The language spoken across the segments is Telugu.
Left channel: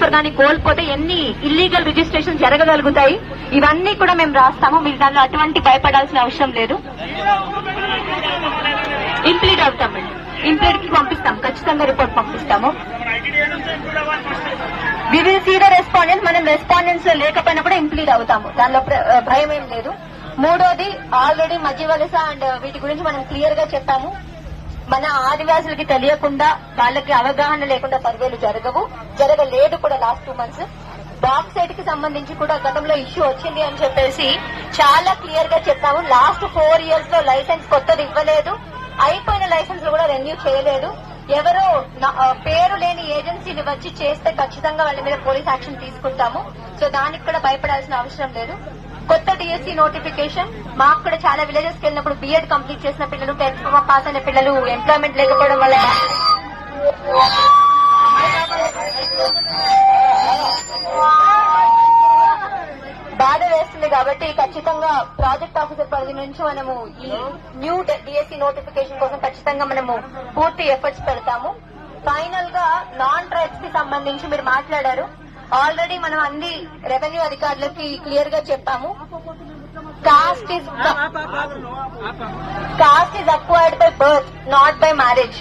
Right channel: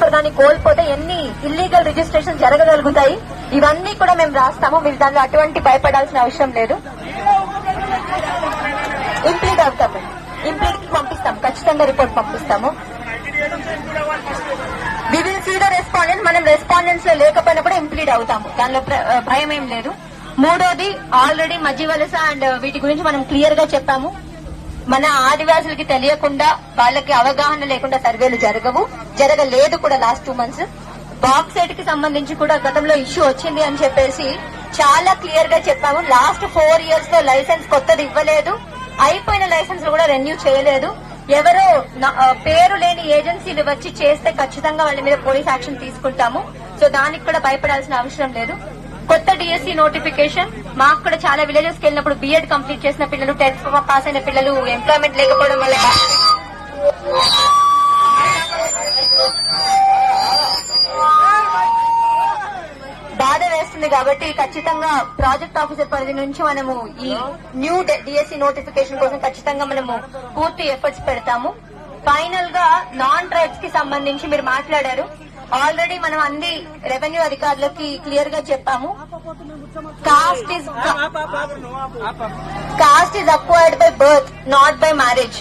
ట్రాన్స్ఫర్ గానీ కోల్పోతే ఎన్ని ఇల్లీగల్ రిజిస్ట్రేషన్ జరగగలుగుతాయి, ఇవన్నీ కూడా మేము రాస్తాము. మీకు దానిలో అటువంటి భయపడాల్సిన అవసరం లేదు. ఇంప్లీడ్ అవుతాము, ఇంప్లీడ్ కి పంపిస్తాం, ఖచ్చితంగా రిపోర్ట్ పంపిస్తాము. We will see the respondent. మనం రెస్పాండెంట్స్ లో లేకపోయినా కూడా ఇంప్లీడ్ అవుతాము, దానిలో భయం ఏం లేదు. మూడోది, ఆల్రెడీ మధ్య వలస అండ్ వీటి గురించి మనం క్లియర్ గా చెప్పాము. మన ఆదివాసులకి తెలియకుండా, వాళ్ళకి అవగాహన లేకుండా సర్వేలు జరగలేదు కూడా లాస్ట్ 2 months. బాక్సైట్ కి సంబంధించి కూడా గతంలో ఇష్యూ వచ్చింది అని చెప్పేసి చాలా క్లియర్ గా చెప్పాము. లాస్ట్ 4 years లో లైసెన్స్ కొత్తది ఇవ్వలేదు, అయిపోయిన లైసెన్స్ కూడా రెన్యూ చేయలేదు. ఎవరో పేరు లేని ఏజెన్సీలు వచ్చి చేస్తే ఖచ్చితంగా వాళ్ళ మీద పోలీస్ యాక్షన్ తీసుకుంటాము. సో దానికి కూడా భయపడాల్సిన అవసరం లేదు. కొత్త డిఎస్సి నోటిఫికేషన్, మాకు కూడా చాలా విలేజెస్ కి వెళ్ళినప్పుడు బీఎడ్ కంప్లీట్ చేసిన పిల్లలు, 10th పాస్ అయిన పిల్లలు ఎంప్లాయ్మెంట్ లేకపోవడం వల్ల బాధ వేస్తుంది. కాబట్టి ఖచ్చితంగా ప్రాజెక్ట్ ఆఫీసర్ పరిధి నుంచి మనము ఈ న్యూ డిఎస్సి నోటిఫికేషన్ కోసం ఖచ్చితంగా మనము పూర్తి ఎఫర్ట్స్ పెడతాము. ఫైనల్ గా నాన్ ట్రైబ్స్ కి సంబంధించి మీరు మాట్లాడారు. ఆల్రెడీ మనం అన్ని రెవెన్యూ అధికారులకి క్లియర్ గా చెప్పాము. Cost is acquired by birth, not by marriage.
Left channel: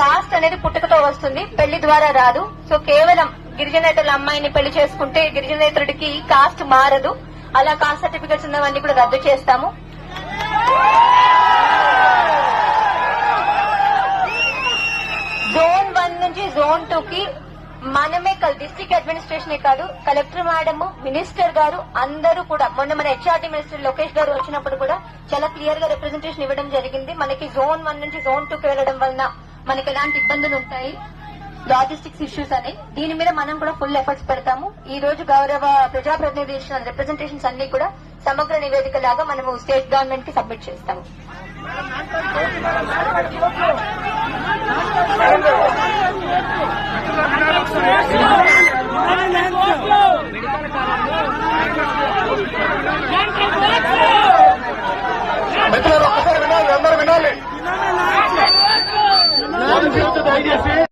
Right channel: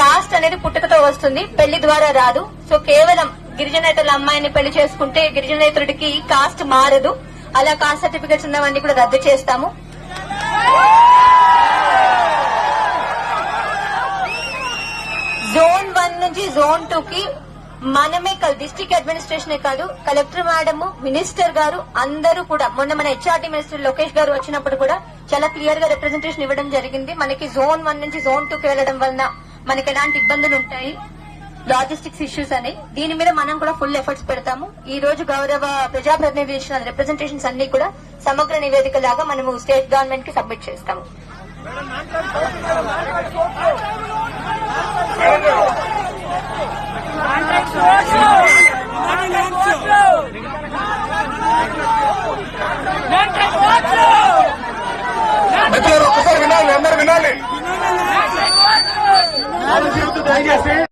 Cost అనేది పుట్టుకతో వస్తుంది, పెళ్లి ద్వారా రాదు. సో కేవలం గిరిజనేతల అమ్మాయిని పెళ్లి చేసుకుంటే గిరిజనేతరుడికి కాస్ట్ మారదు. అలా కాస్ట్ సర్టిఫికేట్స్ ఉన్నవన్నీ కూడా రద్దు చేస్తాము. Zone 1 నుంచి Zone 2 కి మనమే డిస్ట్రిక్ట్ అడ్మినిస్ట్రేషనే కాదు, కలెక్టర్ మేడం, మినిస్టర్ గారు అందరూ కూడా, మొన్న మన హెచ్ఆర్టీ మినిస్టర్ లోకేష్ గారు వచ్చినప్పుడు కూడా చాలా క్లియర్ గా రిప్రజెంటేషన్ ఇవ్వడం జరిగింది. మనకి Zone 1 నుంచి Zone 2 కి వెళ్లడం వలన మనకి ఎలాంటి ఇబ్బందులు ఉంటాయి, లాజిస్టిక్స్ ఇష్యూస్ అని, దీని మీద మనం కూడా ఫుల్ ఎఫర్ట్స్ పెడతాము. ఈ రోజు గౌరవ ప్రజాప్రతినిధులు ఇచ్చిన రిప్రజెంటేషన్స్ అన్ని కూడా సమగ్ర నివేదిక లాగా మనము స్టేట్ గవర్నమెంట్ కి సబ్మిట్ చేస్తాము. ఒకసారి వినాలి, అందరూ వినాలి. దయచేసి